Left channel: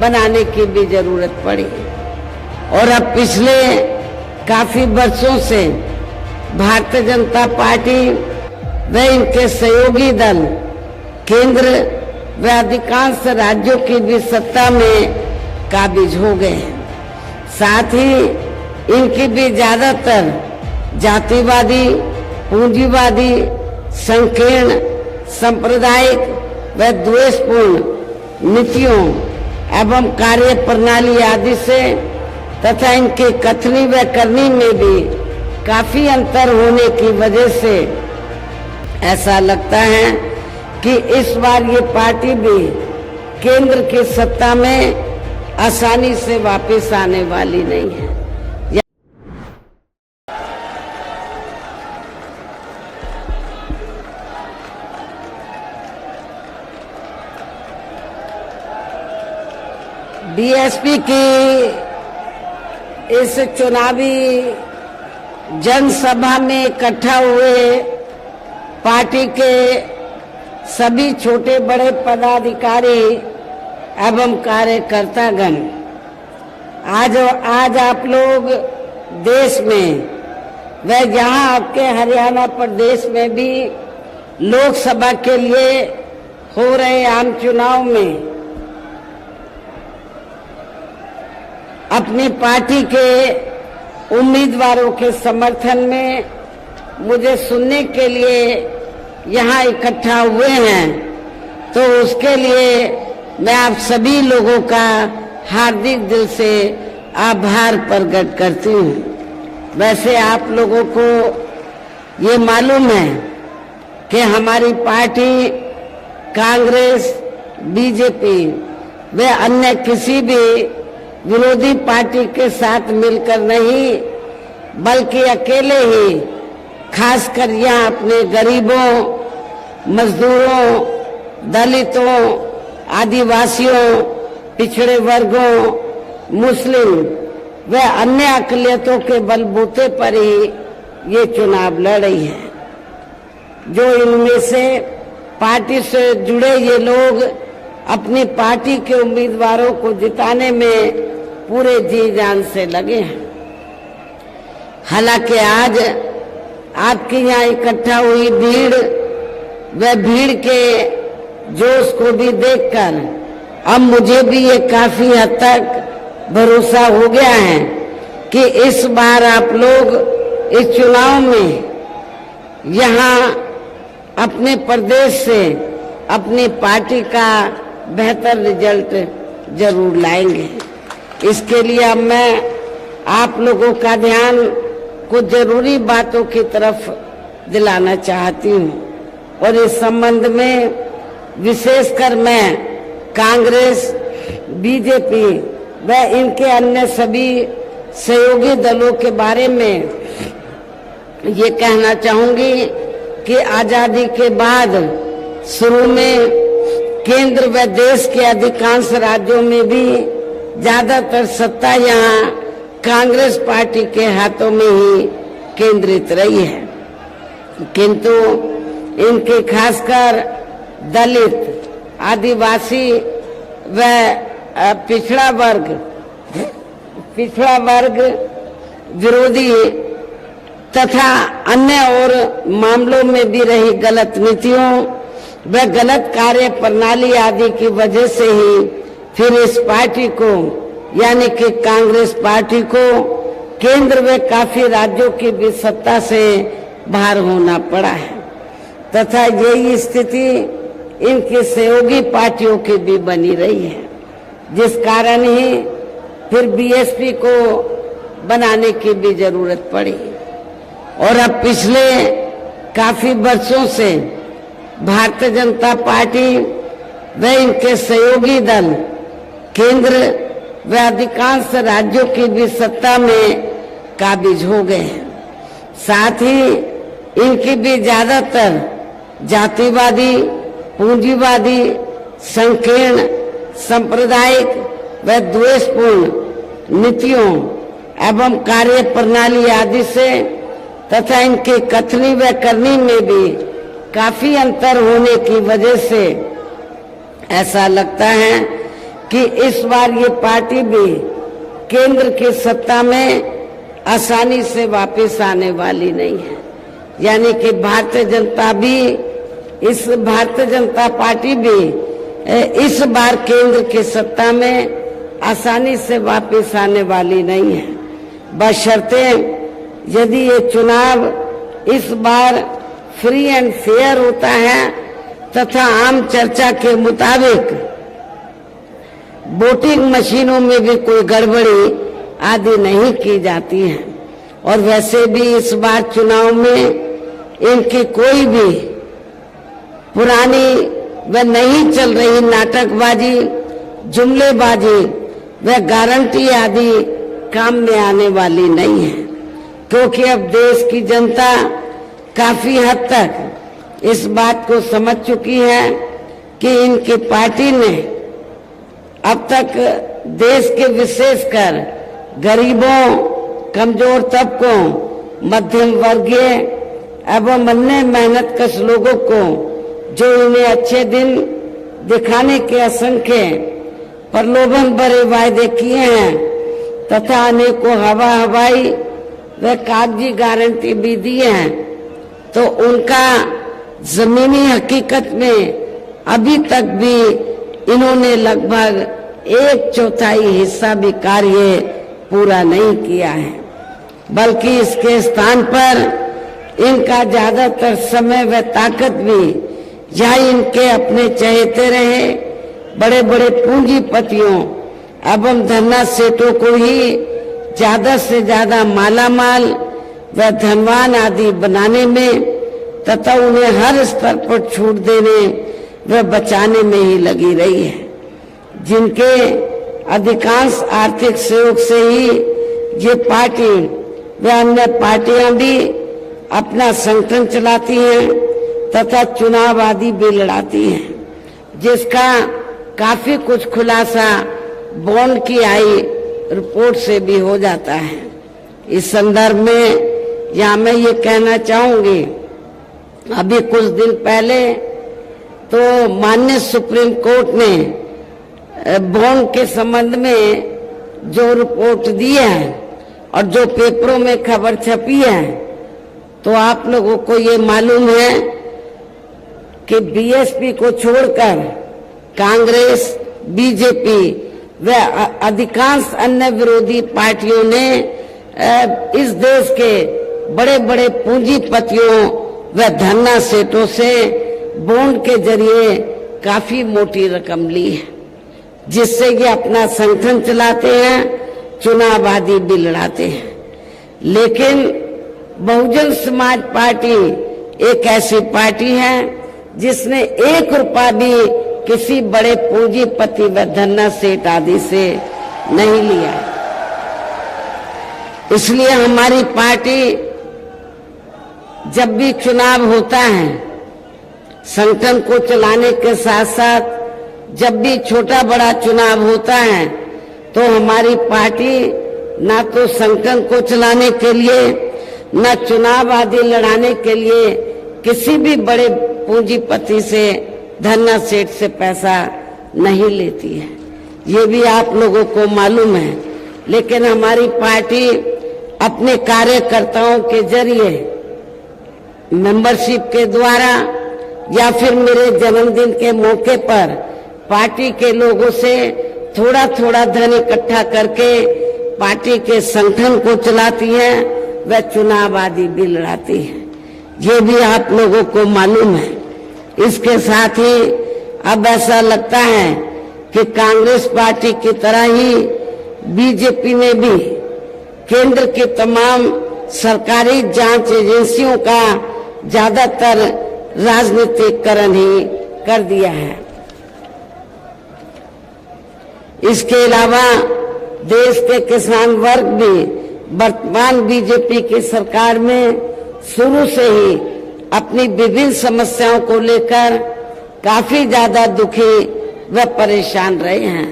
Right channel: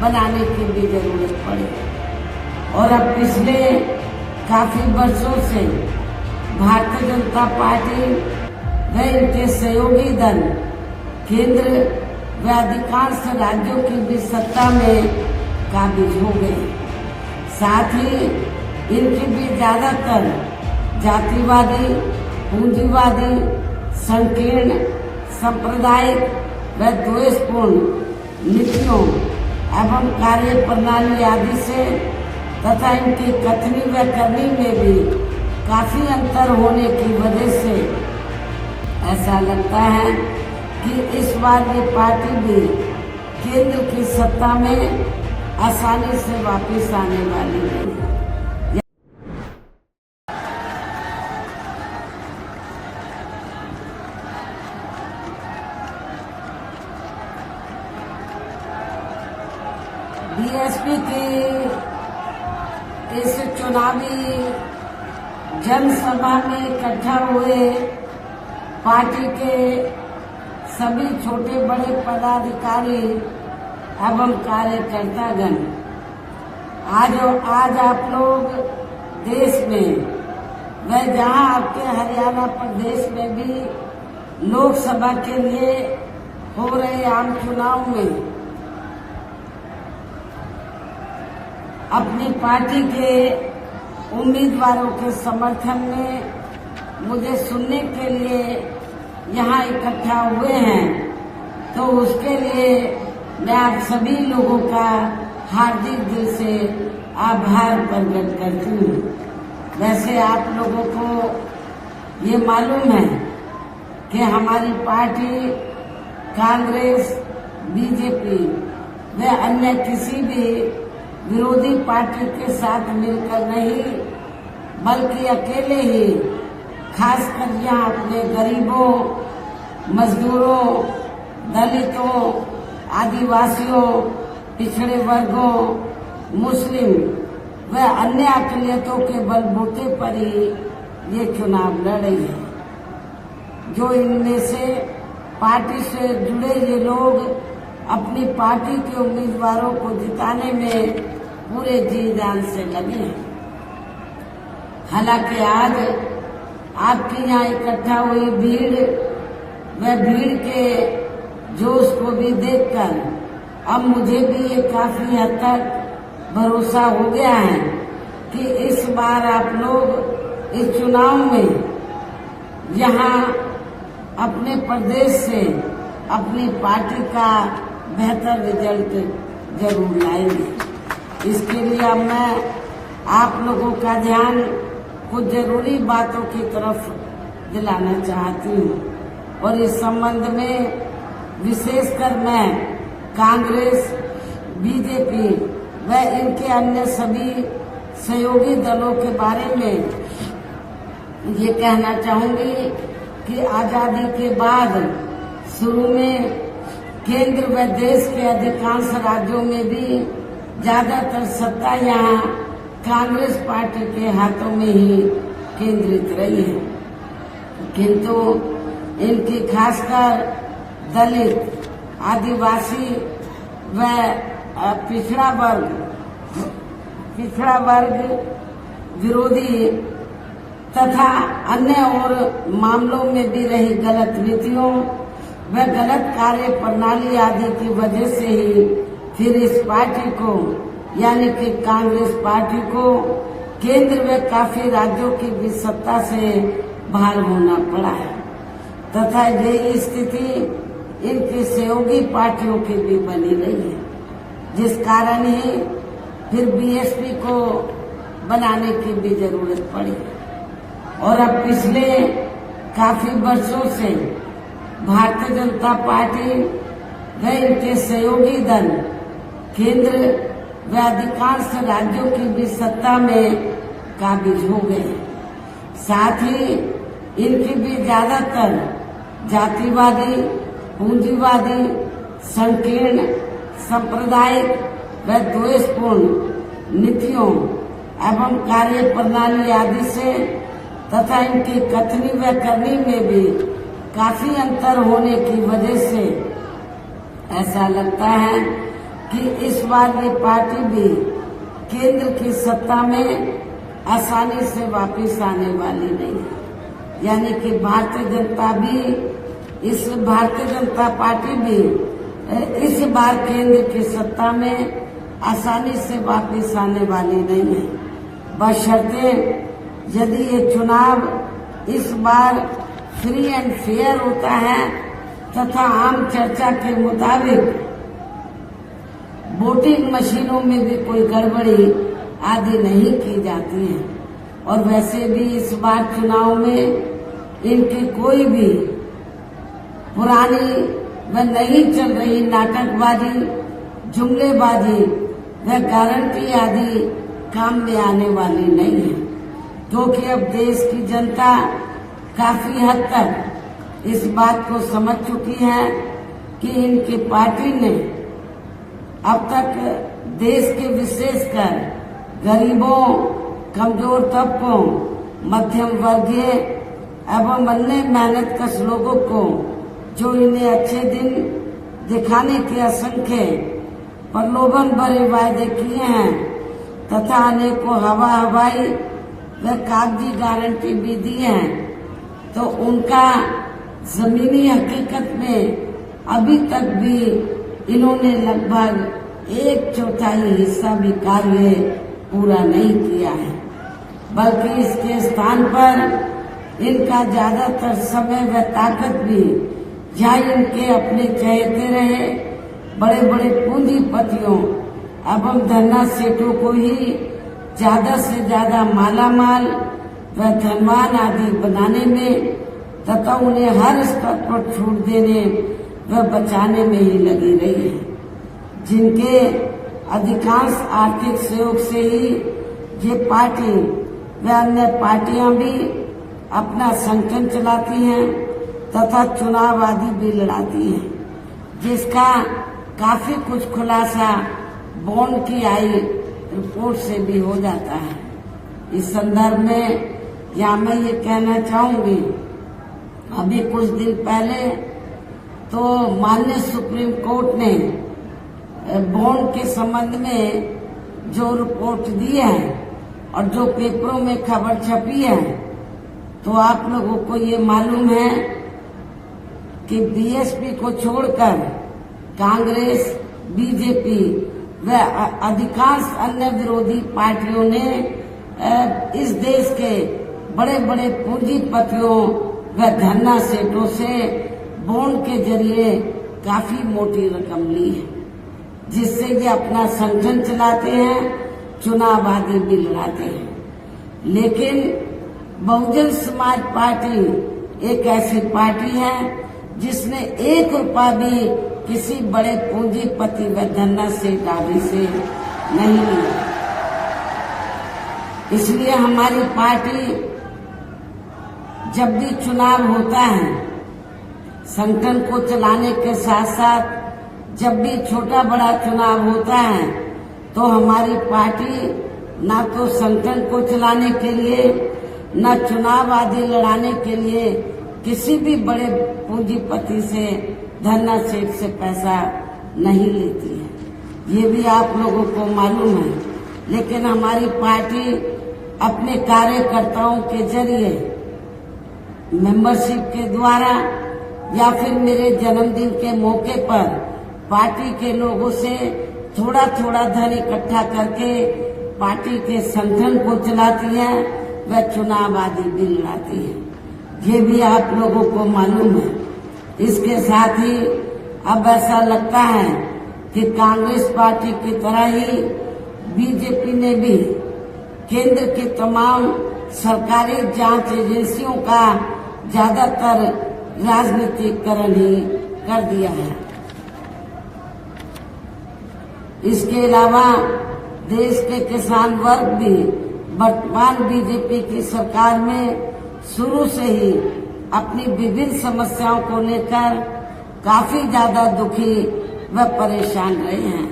बनाने की भी जरूरत पड़ी। और अब पिछले काफी वर्षों से भारतीय जनता पार्टी व इनके सहयोगी दल केंद्र व अधिकांश राज्यों की भी सत्ता में काबिज हो गए हैं। साथ ही इनकी भी ज्यादातर जातिवादी, पूंजीवादी, संकीर्ण, सांप्रदायिक व द्वेषपूर्ण नीतियों एवं कार्य प्रणाली आदि से तथा इनके कथनी व करनी में भी काफी अंतर होने की वजह से ऐसा लगता है कि इस बार ये पार्टी भी केंद्र की सत्ता में आसानी से वापस आने वाली नहीं है। बीएसपी की इस चुनावी जनसभा में इकट्ठा हुए पार्टी के सभी छोटे बड़े पदाधिकारी एवं कार्यकर्तागण, आज आप लोग देश में व यहाँ आपके हरियाणा प्रदेश में भी लोकसभा के लिए हो रहे आम चुनाव में अपनी पार्टी के उम्मीदवारों के समर्थन में मुझे सुनने के लिए यहाँ इकट्ठा हुए हैं, तो उसके लिए मैं आप सभी लोगों का हार्दिक दिल से आभार प्रकट करती हूँ। वैसे आप लोगों को ये मालूम है कि हमारी पार्टी कांग्रेस, बीजेपी व अन्य किसी भी विरोधी पार्टी के साथ मिलकर नहीं, बल्कि अकेले ही खासकर यहाँ अपने गरीबों, मजदूरों, दलितों, आदिवासियों, पिछड़े वर्गों, मुस्लिम व अन्य अकलियतों के बलबूते पर ही ये चुनाव लड़ रही है। जो इनमें से पार्टी से जुड़े ये लोग अपनी पार्टी के उम्मीदवारों को जिताने में पूरे जी जान से लगे हैं। हालांकि आज आपके यहाँ इकट्ठा हुई भीड़ व भीड़ के जोश को भी देखकर अब मुझे भी ये काफी हद तक भरोसा हो गया है कि इस बार आप लोग इस चुनाव में यहाँ अपने प्रदेश से अपनी पार्टी का बेहतर रिजल्ट जरूर लाएंगे। इसके लिए अब मैं आप लोगों का ध्यान कुछ जरूरी बातों की तरफ दिलाना चाहती हूँ और इस संबंध में विशेषकर मैं कांग्रेस, बीजेपी व इनके अन्य सभी सहयोगी दलों के बारे में ये कहना चाहूंगी कि आजादी के बाद शुरू में केंद्र व देश के अधिकांश राज्यों में भी ज्यादातर सत्ता यहाँ कांग्रेस पार्टी के हाथों में ही केंद्रित रही है, किंतु इनके खासकर दलित, आदिवासी व पिछड़ा वर्ग विरोधी तथा अन्य और मामलों में भी रही गलत नीतियों व गलत कार्य प्रणाली आदि की वजह से ही फिर इस पार्टी को यानी कि कांग्रेस पार्टी को केंद्र में काफी राज्यों की भी सत्ता से बाहर होना पड़ा है तथा यही स्थिति इनकी सहयोगी पार्टियों की भी बनी रही है, जिस कारण ही फिर बीएसपी को बनाने की भी जरूरत पड़ी। और अब पिछले काफी वर्षों से भारतीय जनता पार्टी व इनके सहयोगी दल केंद्र व अधिकांश राज्यों की भी सत्ता में काबिज हो गए हैं। साथ ही इनकी भी ज्यादातर जातिवादी, पूंजीवादी, संकीर्ण, सांप्रदायिक व द्वेषपूर्ण नीतियों एवं कार्य प्रणाली आदि से तथा इनके कथनी व करनी में भी काफी अंतर होने की वजह से ऐसा लगता है कि इस बार ये पार्टी भी केंद्र की सत्ता में आसानी से वापस आने वाली नहीं है। यानी कि भारतीय जनता पार्टी भी इस बार केंद्र की सत्ता में आसानी से वापस आने वाली नहीं है, बशर्ते यदि ये चुनाव इस बार फ्री एंड फेयर होता है तथा आम चर्चा के मुताबिक वोटिंग मशीनों में भी कोई गड़बड़ी आदि नहीं की जाती है। और वैसे भी इस बार चुनाव में इनकी कोई भी पुरानी व नहीं चल रही नाटकबाजी, जुमलेबाजी व गारंटी आदि काम में आने वाली नहीं है, क्योंकि अब देश की जनता काफी हद तक इस बात को समझ चुकी है कि इनकी पार्टी ने अब तक देश के विशेषकर गरीबों, कमजोर तबकों, मध्यम वर्गीय एवं अन्य मेहनतकश लोगों को जो इन्हें अच्छे दिन दिखाने के असंख्य प्रलोभन भरे वायदे किए हैं तथा अनेकों हवाई व कागजी गारंटी भी दी है, तो उनका जमीनी हकीकत में अभी तक भी इन्होंने लगभग 1/4 हिस्सा भी कार्य पूरा नहीं किया है, बल्कि इसके स्थान पर इनका ज्यादातर समय व ताकत भी जहाँ इनके अपने चहेते रहे बड़े बड़े पूंजीपतियों एवं धन्ना सेठों को ही ज्यादा से ज्यादा मालामाल व धनवान आदि बनाने में तथा उन्हें हर स्तर पर छूट देने व बचाने में ही लगी रही है, जिनके अधिकांश आर्थिक सहयोग से ही ये पार्टी व अन्य पार्टियां भी अपना संगठन चलाती हैं तथा चुनाव आदि भी लड़ाती हैं, जिसका काफी कुछ खुलासा बॉन्ड की आई रिपोर्ट से भी हो जाता है। इस संदर्भ में यहाँ मैं ये कहना चाहूंगी, अभी कुछ दिन पहले तो माननीय सुप्रीम कोर्ट ने बॉन्ड के संबंध में जो रिपोर्ट दी है और जो पेपरों में खबर छपी है, तो आप लोगों को ये मालूम है कि बीएसपी को छोड़कर कांग्रेस, बीजेपी व अधिकांश अन्य विरोधी पार्टियों ने इस देश के बड़े बड़े पूंजीपतियों व धन्ना सेठों से बॉन्ड के जरिए काफी मोटी रकम ली है, जिससे ये अपना संगठन चलाते हैं, चुनाव आदि भी लड़ाते हैं। लेकिन बहुजन समाज पार्टी एक ऐसी पार्टी है जिसने 1 रुपया भी किसी बड़े पूंजीपति व धन्ना सेठ आदि से नहीं लिया। इसलिए हमारी पार्टी जब भी चुनाव होता है, संगठन को चलाने के साथ साथ जब भी छोटा बड़ा चुनाव होता है, तो हमारी पार्टी ना तो संगठन को चलाने के लिए न चुनाव आदि लड़ाने के लिए किसी भी बड़े पूंजीपति से, धन्ना सेठ से पैसा नहीं लेती है, ये भी आप लोगों को मालूम है। लेकिन हमारी पार्टी अपने कार्यकर्ताओं के जरिए, मेंबरशिप के द्वारा या फिर मेरे जन्मदिन के मौके पर पार्टी के लोगों से थोड़ा थोड़ा धन इकट्ठा करके पार्टी के संगठन को चलाती है व चुनाव आदि भी लड़ाती है, ये भी आप लोगों को मालूम है। इसके साथ ही अब ऐसा लगता है कि कांग्रेस पार्टी की तरह ही बीजेपी ने भी केंद्र के तमाम सरकारी जांच एजेंसियों का ज्यादातर राजनीतिकरण ही कर दिया है। इसके अलावा देश के किसान वर्ग भी वर्तमान बीजेपी की सरकार में शुरू से ही अपनी विभिन्न समस्याओं को लेकर काफी ज्यादा दुखी व परेशान रहे हैं।